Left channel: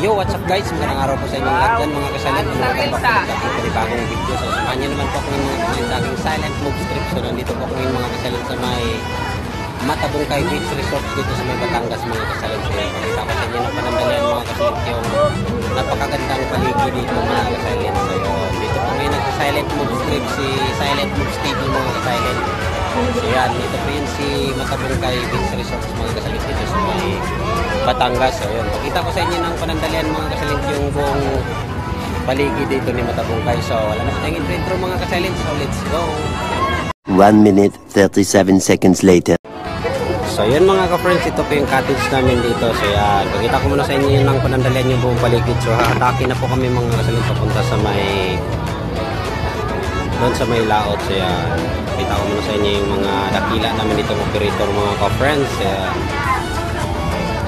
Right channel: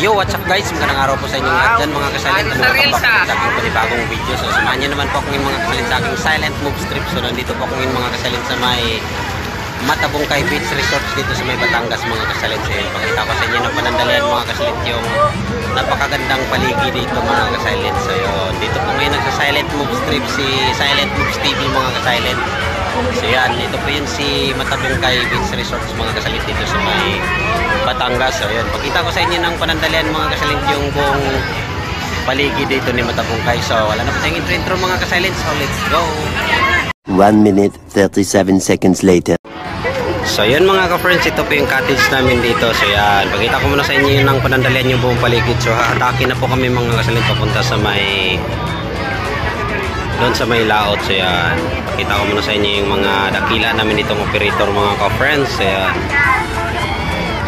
Yo, what's up guys? Magandang araw po sa inyong lahat dyan mga kasilent. Welcome back po sa aking panibagong video. So samahan nyo naman po akong mga kasilent sa aking silent move strip. So nandito po akong mga kasilent sa may Matabungkay Beach Resorts dito sa may Batangas mga kasilent. So yun, pakita ko sa inyo ng panandalian mga kasilent yung napakagandang paligid dito mga kasilent. So yun, dito po ngayon nagsa-silent move strip si Silent Moves TV mga kasilent. So yan, ito po yun si Matabungkay Beach Resorts mga kasilent dito sa may Batangas. So yun, pakita ko sa inyo ng panandalian mga kasilent yung buong paligid dito ni Matabungkay. So wala na po tayong intro mga kasilent. So let's go. 1 minute 37 seconds later. So yun mga ka-friends, ito po yung cottage namin dito. So yan, pakita ko muna sa inyo ng panandalian yung buong paligid. So hahatakin na po kami mga kasilent papunta sa may doon sa may laot. So yan, pakita ko muna sa inyo yung mga dakila namin dito operator mga ka-friends. So yan,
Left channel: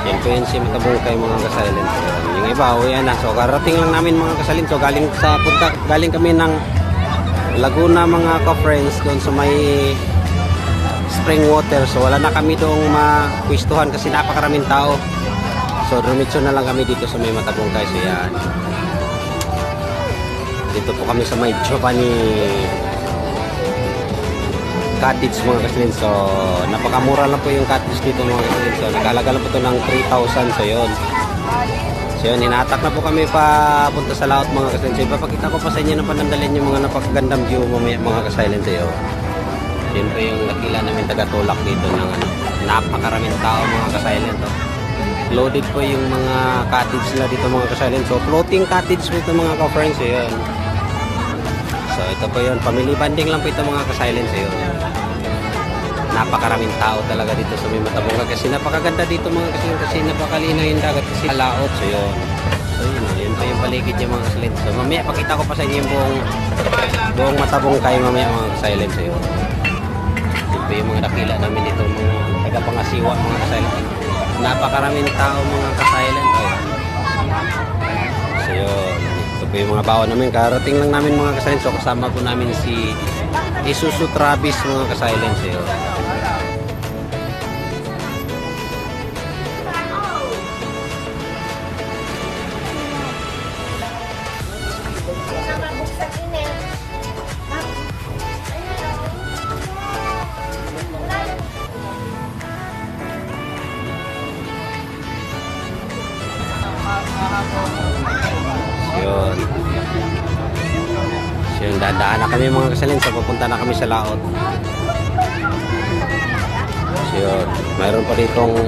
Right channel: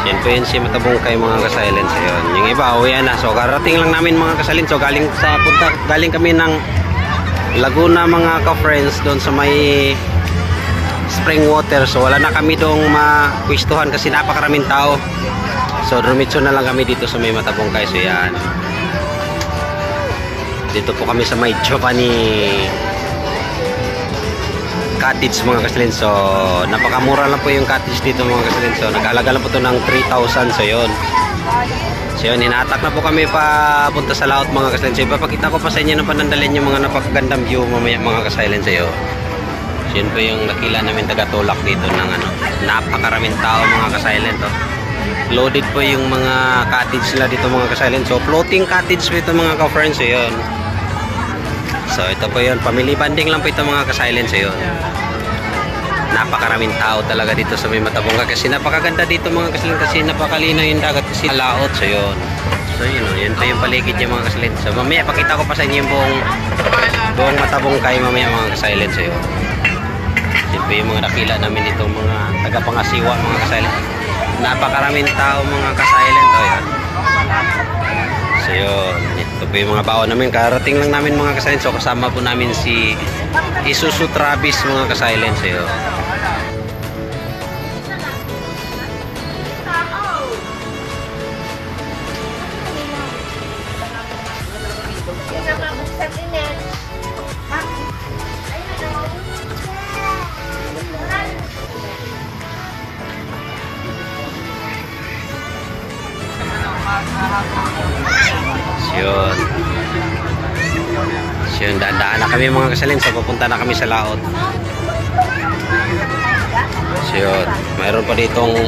yan po yun si Matabungkay mga ka-silent. So yun, yung iba uwi na. So karating lang namin mga ka-silent. So galing kami ng Laguna mga ka-friends doon sa may spring water. So wala na kami doong mapwistuhan kasi napakaraming tao. So dumitso na lang kami dito sa may Matabungkay. So yan, dito po kami sa may Giovanni cottage mga kasilin. So napakamura lang po yung cottage dito mga kasilin. So nag-alaga lang po ito ng 3,000. So yun, hinatak na po kami papunta sa laot mga kasilin. So ipapakita ko pa sa inyo ng panandalian yung mga napakagandang view mamaya mga kasilin. So yun po yung nakila namin taga-tulak dito ng napakaraming tao mga ka-silent. Loaded po yung mga cottage nila dito mga ka-silent. So floating cottage po ito mga ka-friends. So yun, so ito po yun, family banding lang po ito mga ka-silent. So yun, napakaraming tao talaga dito sa may Matabungkay kasi napakaganda dito mga ka-silent kasi napakalinaw yung dagat kasi laot. So yun, yun pa yung paligid niya mga ka-silent. So mamaya pakita ko pa sa inyo yung buong Matabungkay mamaya mga ka-silent. So yun, ito yung mga nakila namin dito mga taga-pangasiwa mga ka-silent. Napakaraming tao mga ka-silent. O yan, so yun, ito po yung mga baon namin. Karating lang namin mga ka-silent. So kasama po namin si Isuzu Travis mga ka-silent. So yun, daan na kami mga kasalin. So papunta na kami sa laot. So yun, mayroon pa ditong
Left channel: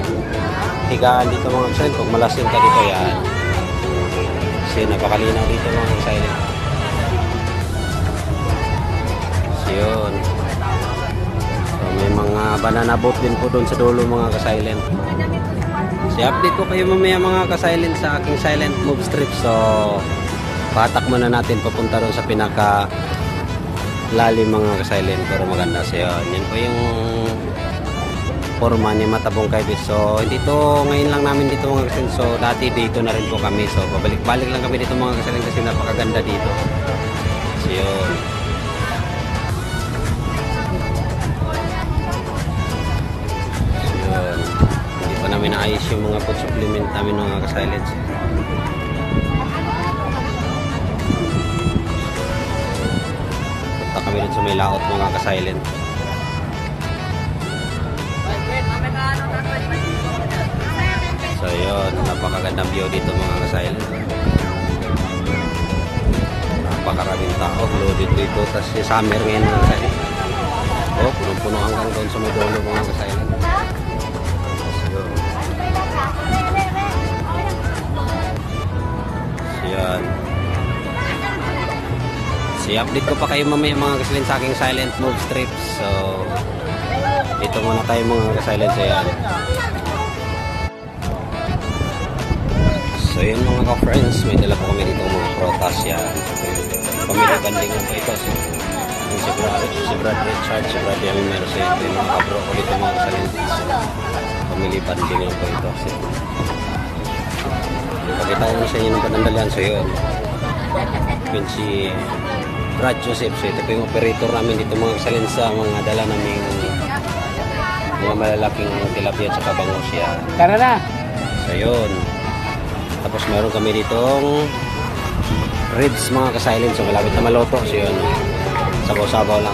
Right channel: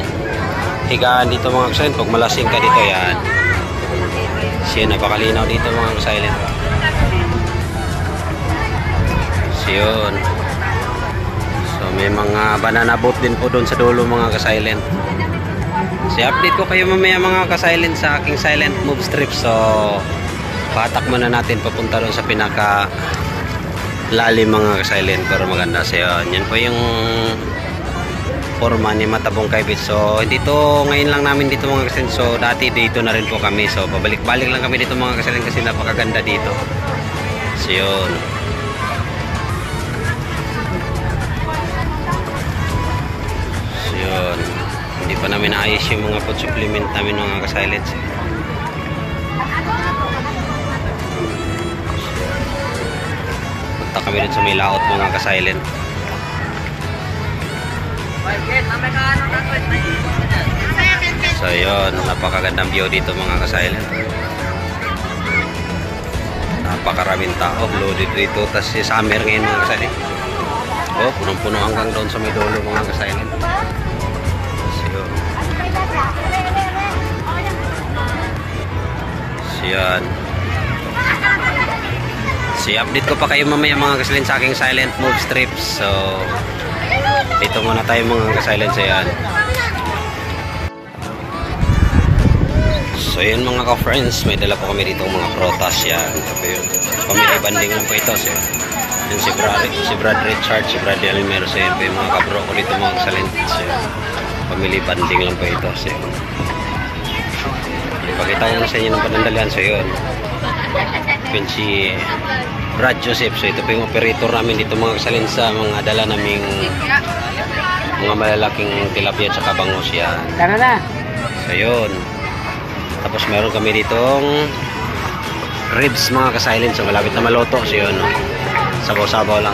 higaan dito mga kasalin pag malasing ka dito. Yan, so yun, napakalinaw dito mga kasalin. So yun, so may mga banana boat din po doon sa dulo mga ka-silent. So update ko kayo mamaya mga ka-silent sa aking silent move strip. So patak muna natin papunta doon sa pinaka lalim mga ka-silent para maganda. So yan po yung forma ni Matabungkay Beach. So dito ngayon lang namin dito mga ka-silent. So dati dito na rin po kami. So pabalik-balik lang kami dito mga ka-silent kasi napakaganda dito. So yun, hindi pa namin naayos yung mga food supplement namin mga ka-silent. Punta kami dun sa may laot mga ka-silent. So yun, napakagandang view dito mga ka-silent. Napakaraming tao, loaded dito. Tapos si summer ngayon mga ka-silent. Oh, punong-puno hanggang doon sa may dulo mga ka-silent. So yan, so update ko pa kayo mamaya mga ka-silent sa aking silent move strips. So dito muna tayo mga ka-silent. So yan, so yun mga ka-friends, may dala po kami dito mga protas. Yan, so yun, family banding lang po ito. So yun, si Brad Richard, si Brad Elmer. So yun po yung mga kabro ko dito mga ka-silent. So yun, family banding lang po ito. So yun, ipakita ko sa inyo ng panandalian. So yun, yun si Brad Joseph. So ito po yung operator namin dito mga kasalin sa mga dala naming mga malalaking tilapia at saka bangus yan. Tara na! So yun, Tapos meron kami ditong ribs mga ka-silent. So malapit na maluto. So yun, sabaw-sabaw lang.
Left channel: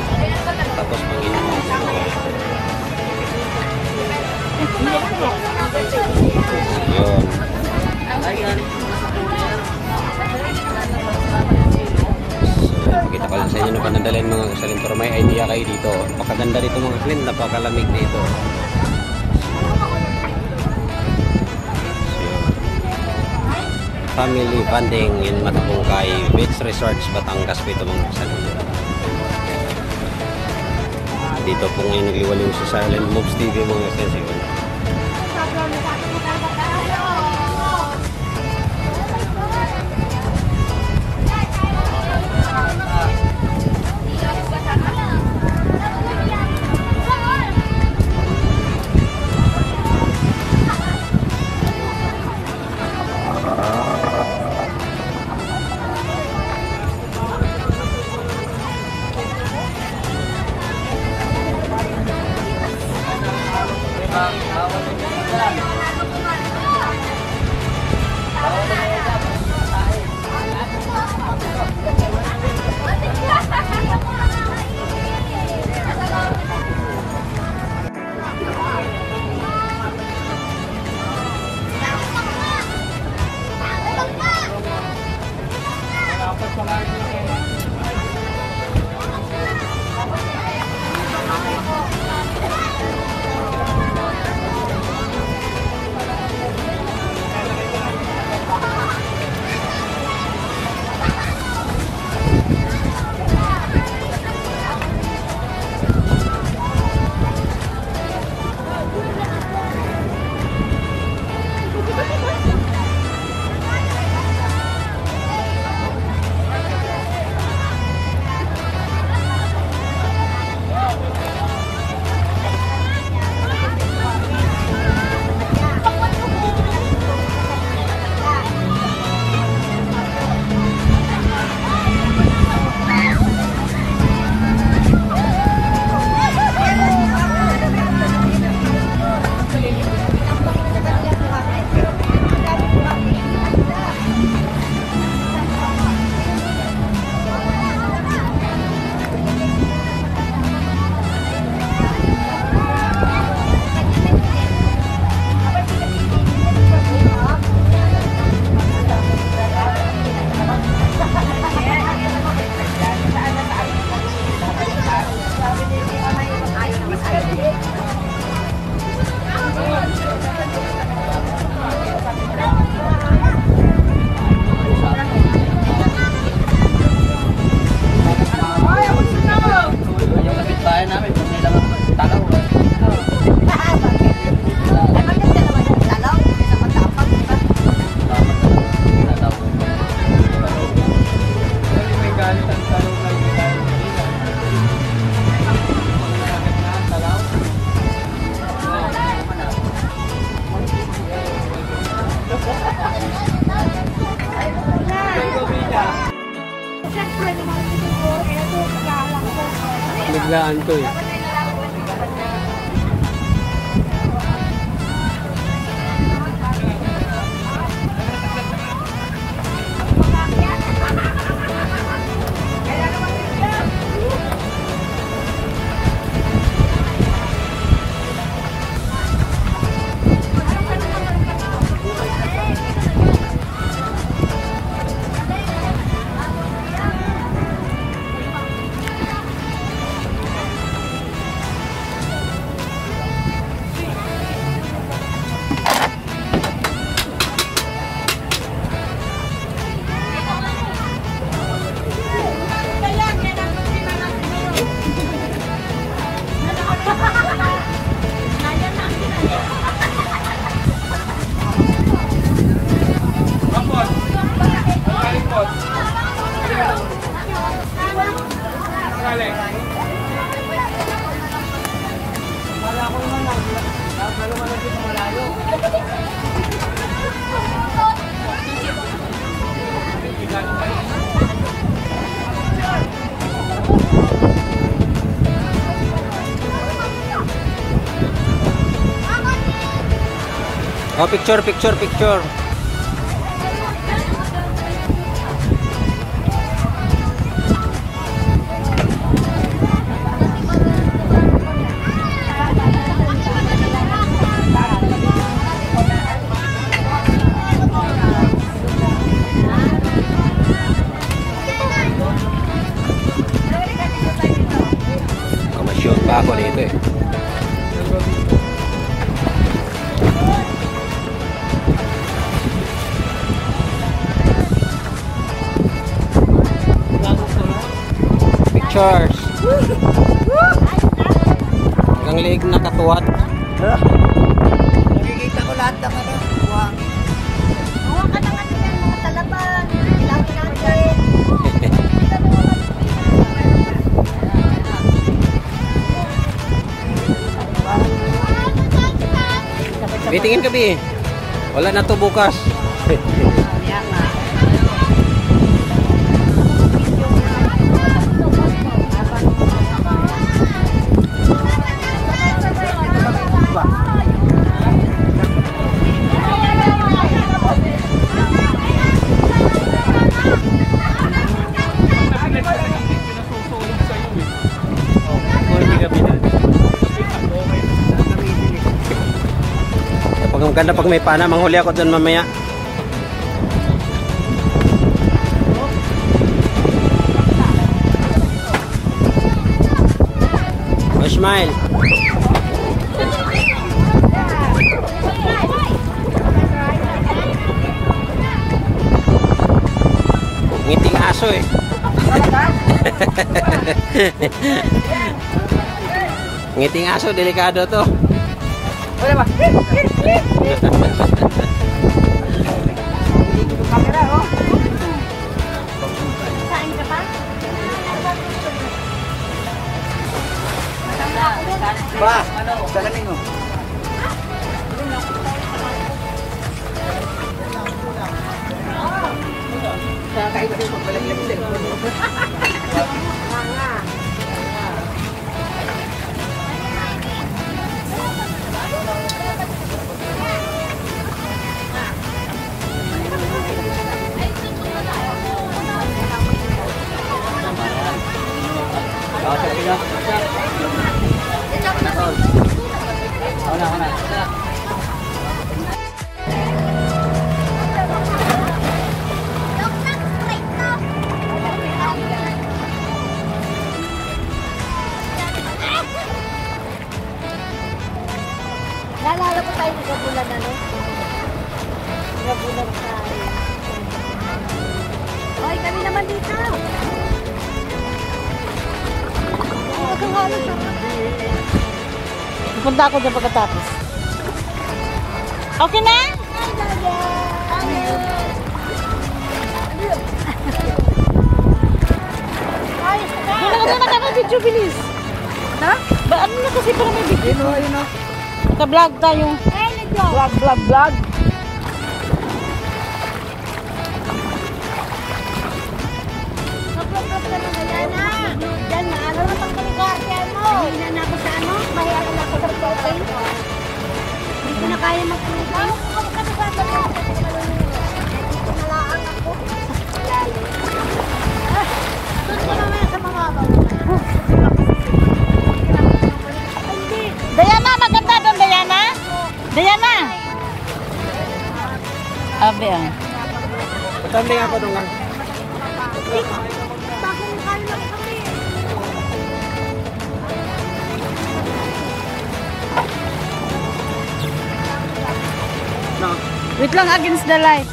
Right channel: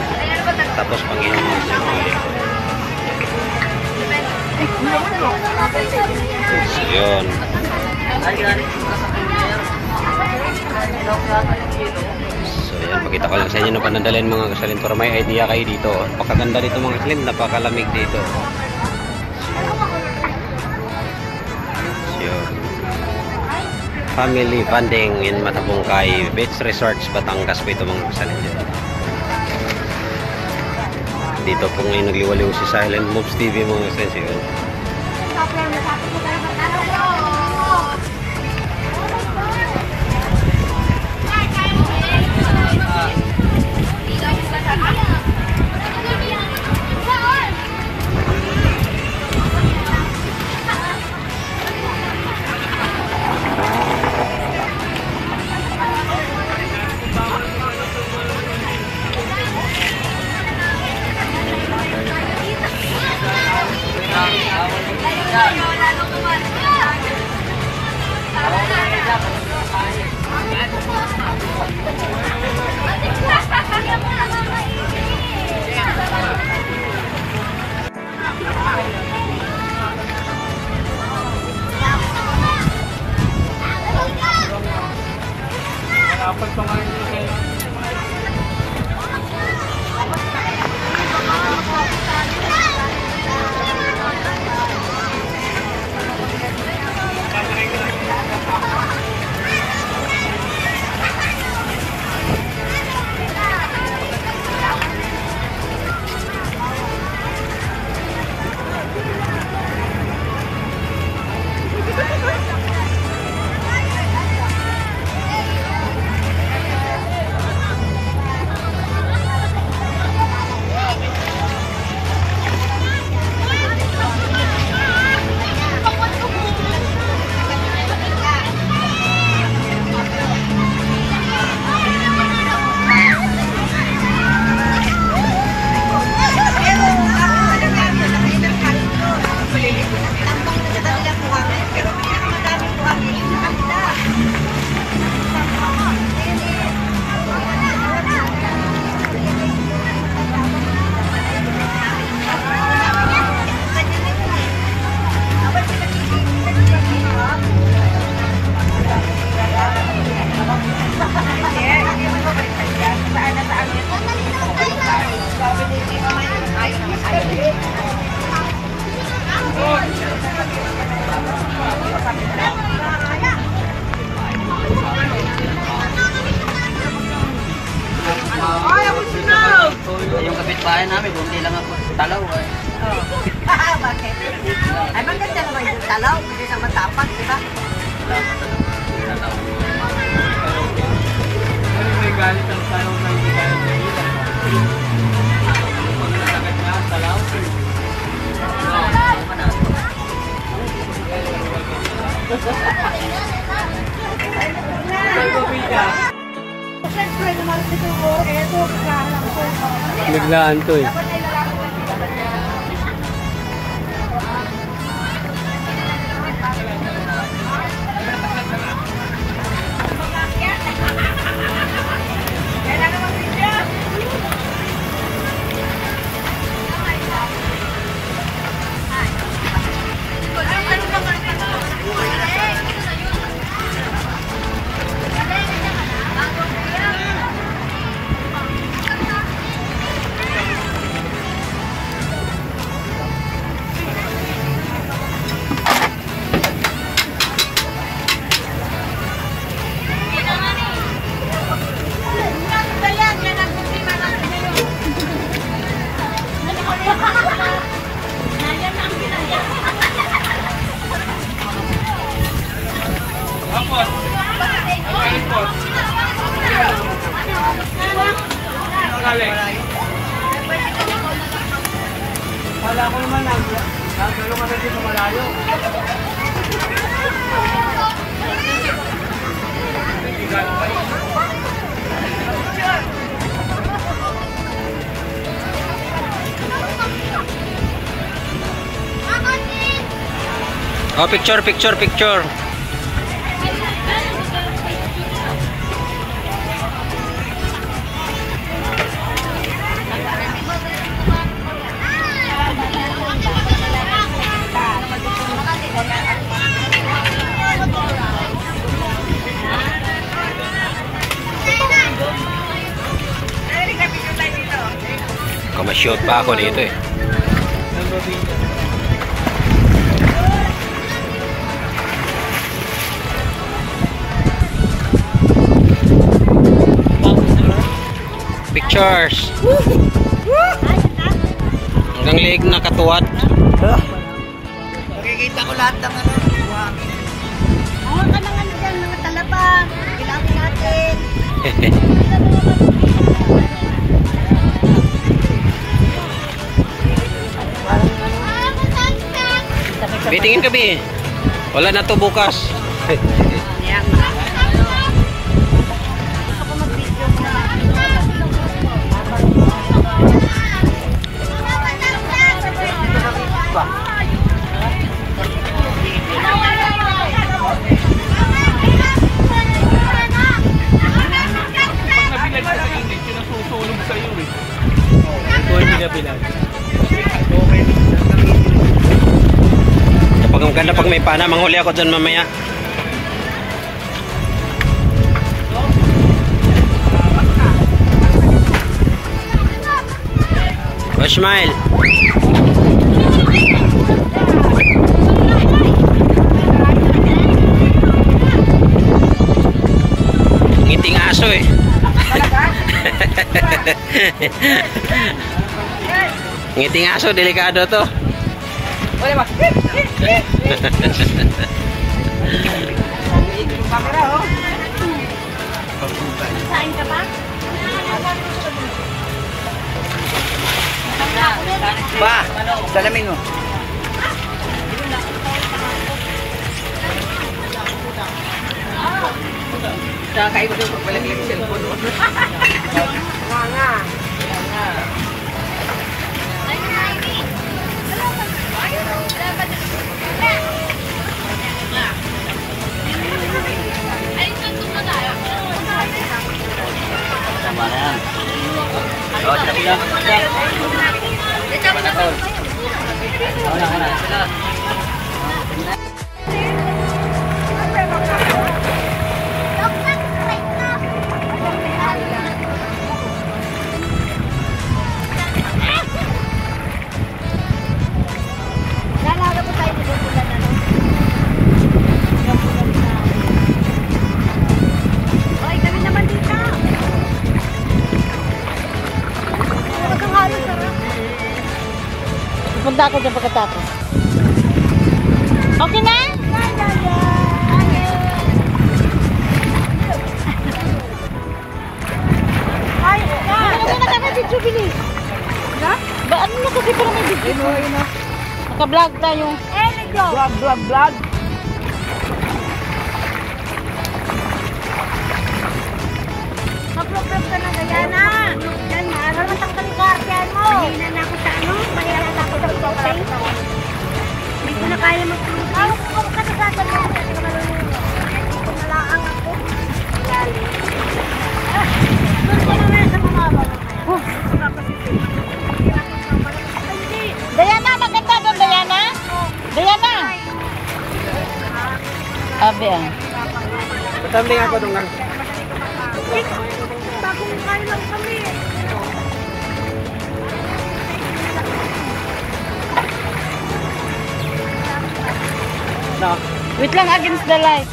Tapos Panginoon mga likod. So yun. So yan, pakita ko lang sa inyo ng panandalin mga kasalin para may idea kayo dito. Napakaganda dito mga kasalin, napakalamig dito. Yun. Family bonding in Matabungkay Beach Resorts, Batangas po ito mga kasalin. Dito po ngayon nagliwaliw si Silent Moves TV mga kasalin. Yun. Yung kapitbahay namin, kung nilang talaw. Bakit? Ay, maganda naman yung talaw. Hindi naman tapag, di ba? May galit ang tanong na hindi tayo biglaan to eh. Wala ko naman lang. Nagalo kami dito malayo. Oh, picture. pa ako dito eh. Pictures. Hanggang liig na katuwad. Nakikita ko lahat ng ano. Wow. Awa ka naman dyan, mga talaba. Kailangan natin. Bitingin ka, Bi. Wala na to bukas. Pag ang ganda pag may pana, manghuli ako dyan mamaya. Oh, smile. Ngiting aso eh. Ngiting aso, delikado to. Wala ba? Kain ka pa? Ba, salamin mo. Nakakaiba daw pagpalamig yung cellphone mo. Naalala ko tayo sa bulan na no? Sa bulan na. Oy, kami naman dito. Ang halos sarap. Pupunta ako dyan pagkatapos. Okay na? Ay, ano na kami video bilis? Na? Ba, ano na kasi para may video? Naka-vlog tayo. Eh, nag-vlog. Vlog. Nag-vlog ka na Diana. Diyan na. Para matanggal yung kardiyan mo. Mahina na ako sa ano. Mahina na ako sa shopping. Hindi ko na kaya mag-vlog. Ano ko ka na gagawin? Hindi ko na lang ako. Lali. Diana, maganda doon, Diana. Diana. Abi ah. Tatambling ako doon nga. No. Wait lang, against the light.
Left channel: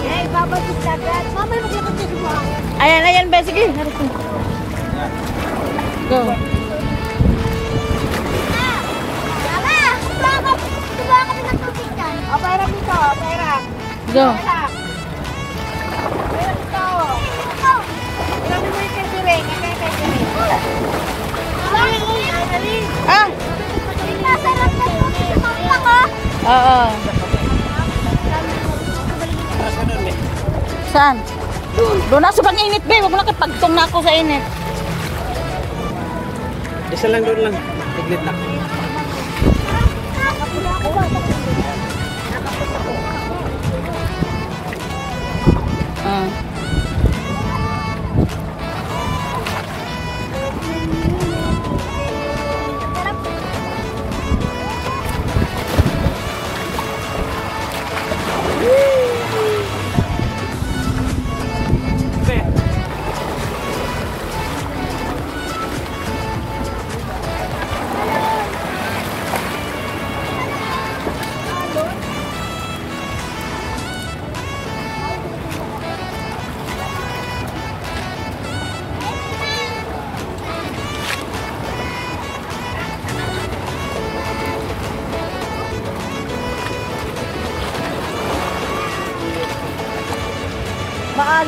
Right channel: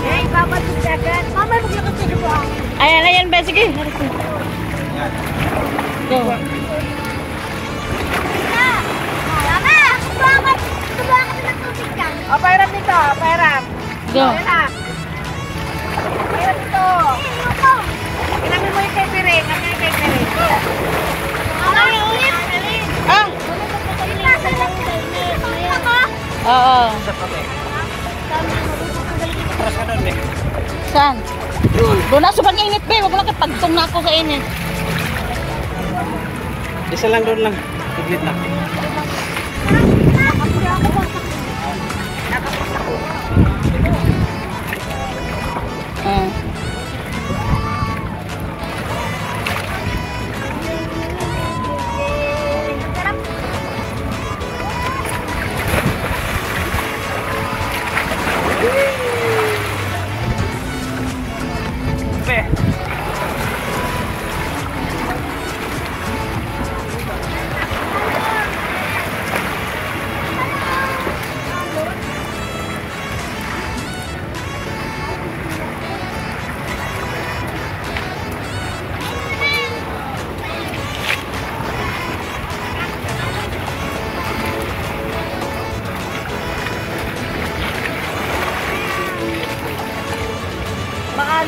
Ay, babalik ka agad. Mama, maglakad ka dito. Ayan, ayan ba? Sige. Go. O, pairam dito. Pairam. Go. Pairam dito. Pinagin mo yung pepere. Kasi pepere. Ah. Oo. Saan? Doon na, sobrang init, be. Huwag mo lang kapagtong na ako sa init. Isa lang doon lang. Tiglit lang. Ah.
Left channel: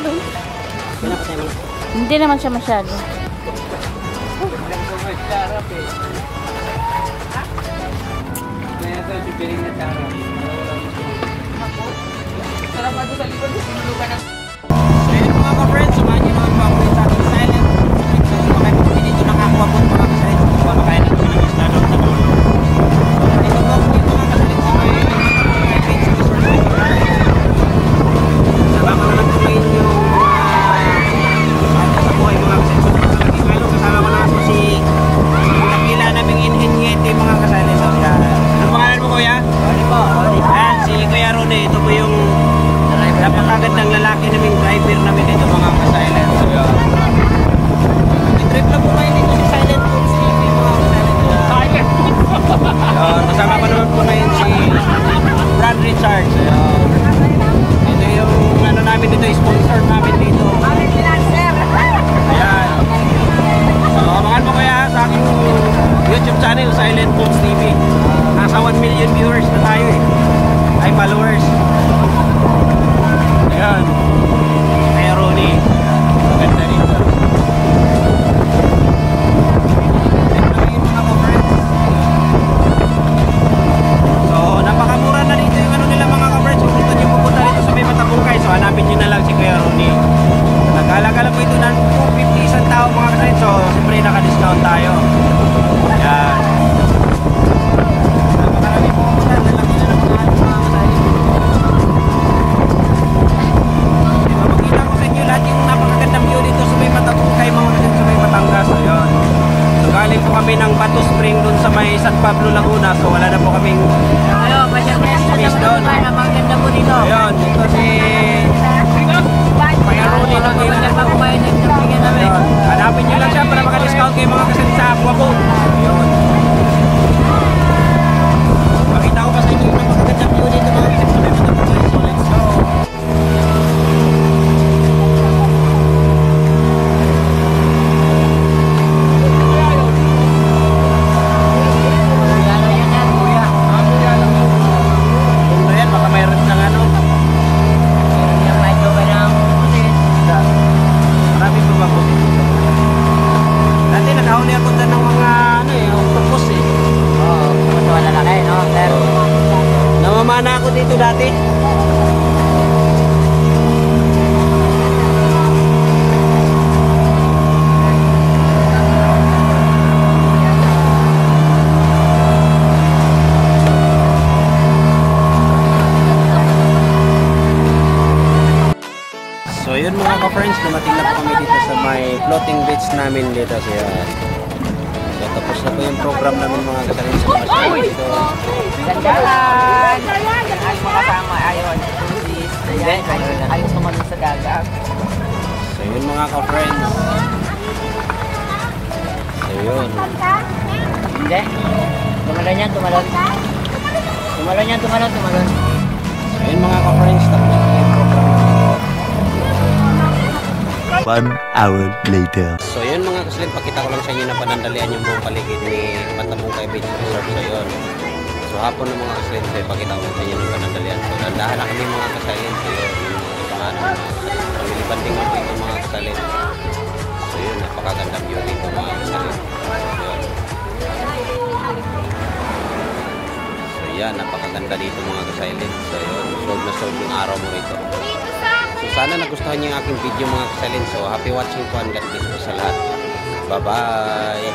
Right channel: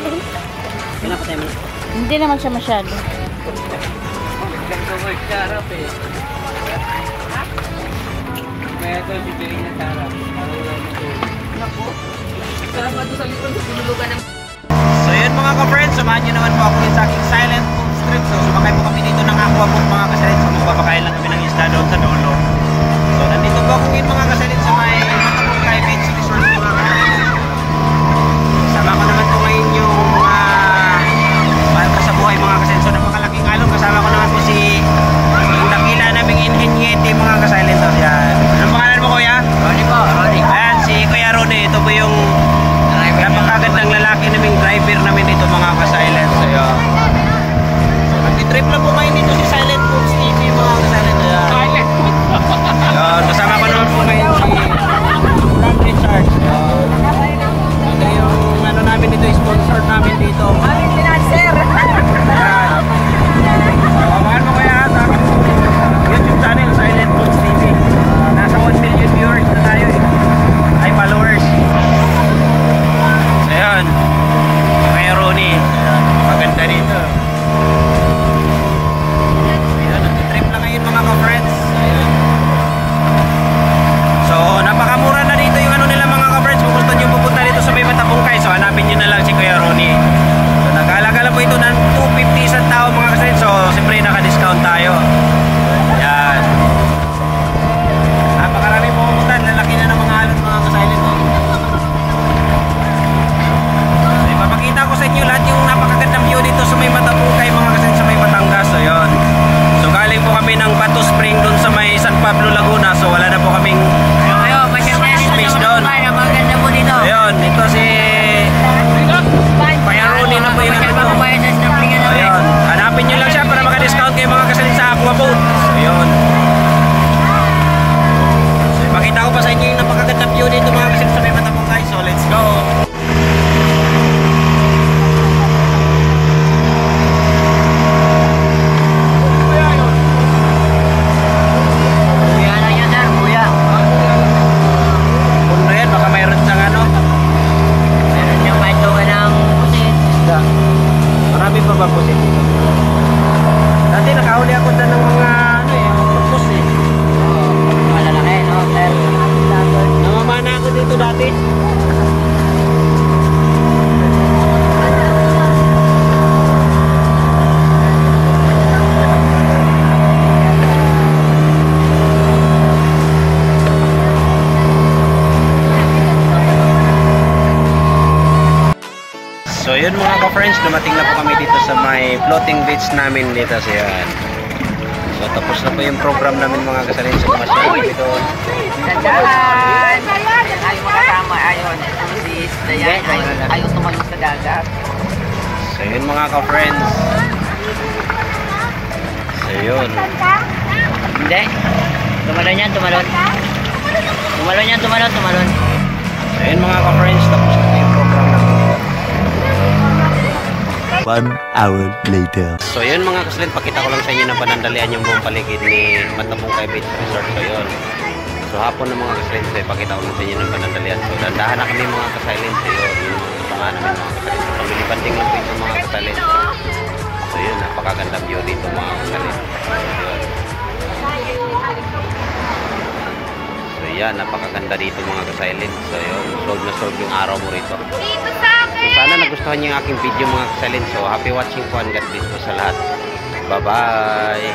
Pinapatay mo na. Hindi naman siya masyado. Biglang ko may sarap eh. Kaya ito yung bibiling na sarap. Naku. Sarap nga doon sa likod. Pinulugan ng... So yun mga ka-friends, samahan nyo naman po ako sa aking silent street. So sumakay po kami dito ng aquaboat mga kasalit. So magbabakayan lang kami ng isda doon sa dulo. So nandito po ako ngayon mga kasalit sa may Matapong Private Resort mga kasalit. Kasama ko naman po ngayon yung banta sa buhay mga kasalit. So napakalaking along. Kasama ko naman po si yung dakila naming Inhenyete mga kasalit. So yan. Anong pangalan mo kuya? Ronnie po, Ronnie. Ayan, si Kuya Ronnie. Ito po yung napakagandang lalaki naming driver namin dito mga ka-silent. So yun. Mag-trip lang po kayo dito si Silent Foods TV mga ka-silent. Silent! Yun, kasama ko naman po ngayon si Brand Richard. Yun. Ito yung ano namin dito, sponsor namin dito. Ayan. So, abangan mo kaya sa aking YouTube channel, Silent Foods TV. Nasa 1 million viewers na tayo eh. Ay, followers. Ayan, kaya Ronnie, maganda rito. Ayan, trip lang ngayon mga ka-friends. So, napakamura na dito yung ano nila mga ka-friends. Kung gusto nyo pupunta dito sa may Matapungkay, so hanapin nyo na lang si Kuya Ronnie. So, nag-alagala po ito ng 250 isang tao mga ka-friends. So, siyempre naka-discount tayo. Ayan. Napakarami po pumunta, lalaki na ng mga alas mga ka-silent. Makita ko sa inyo lahat yung napakagandang view dito sa may Matapungkay mga kasalit sa may Batangas. So yun. So galing po kami ng Bato Spring dun sa may San Pablo, Laguna. So wala na po kaming space doon. Ayun, ito si Kuya Ronnie na po yung ano. Ayun. Hanapin nyo lang siya para maka-discount kayo mga kasalit sa aquaboat. So yun. So makita ko pa sa inyo yung napakagandang view dito mga kasalit sa may Matapungkay. So let's go. So yun mga ka-friends, dumating na po kami dito sa may floating beach namin dito. So yan. So tapos na po yung program namin mga kasalin sa Masyado dito. Ayos naman sa dagat. So yun mga ka-friends. So yun. Hindi. Tumalon yan, tumalon. Tumalon yan, tumalon, tumalon. So yun mga ka-friends, tapos na po yung program namin. 1 hour later. So yun mga kasalin, pakita ko lang sa inyo na panandalian yung buong paligid ni Matapungkay Beach Resort. So yun. So hapon ng mga kasalin, so pakita ko lang sa inyo ng panandalian. So dandahan na kami mga kasalin. So yun, yung mga kapanganan ng mga kasalin. So pamili banding lang po ito mga kasalin. So yun, napakaganda view dito mga kasalin. So yun. So yan, napakaganda dito mga kasalin. So yun, solve na solve yung araw mo rito. So sana nagustuhan niyo yung aking video mga kasalin. So happy watching po and God bless po sa lahat. Bye bye.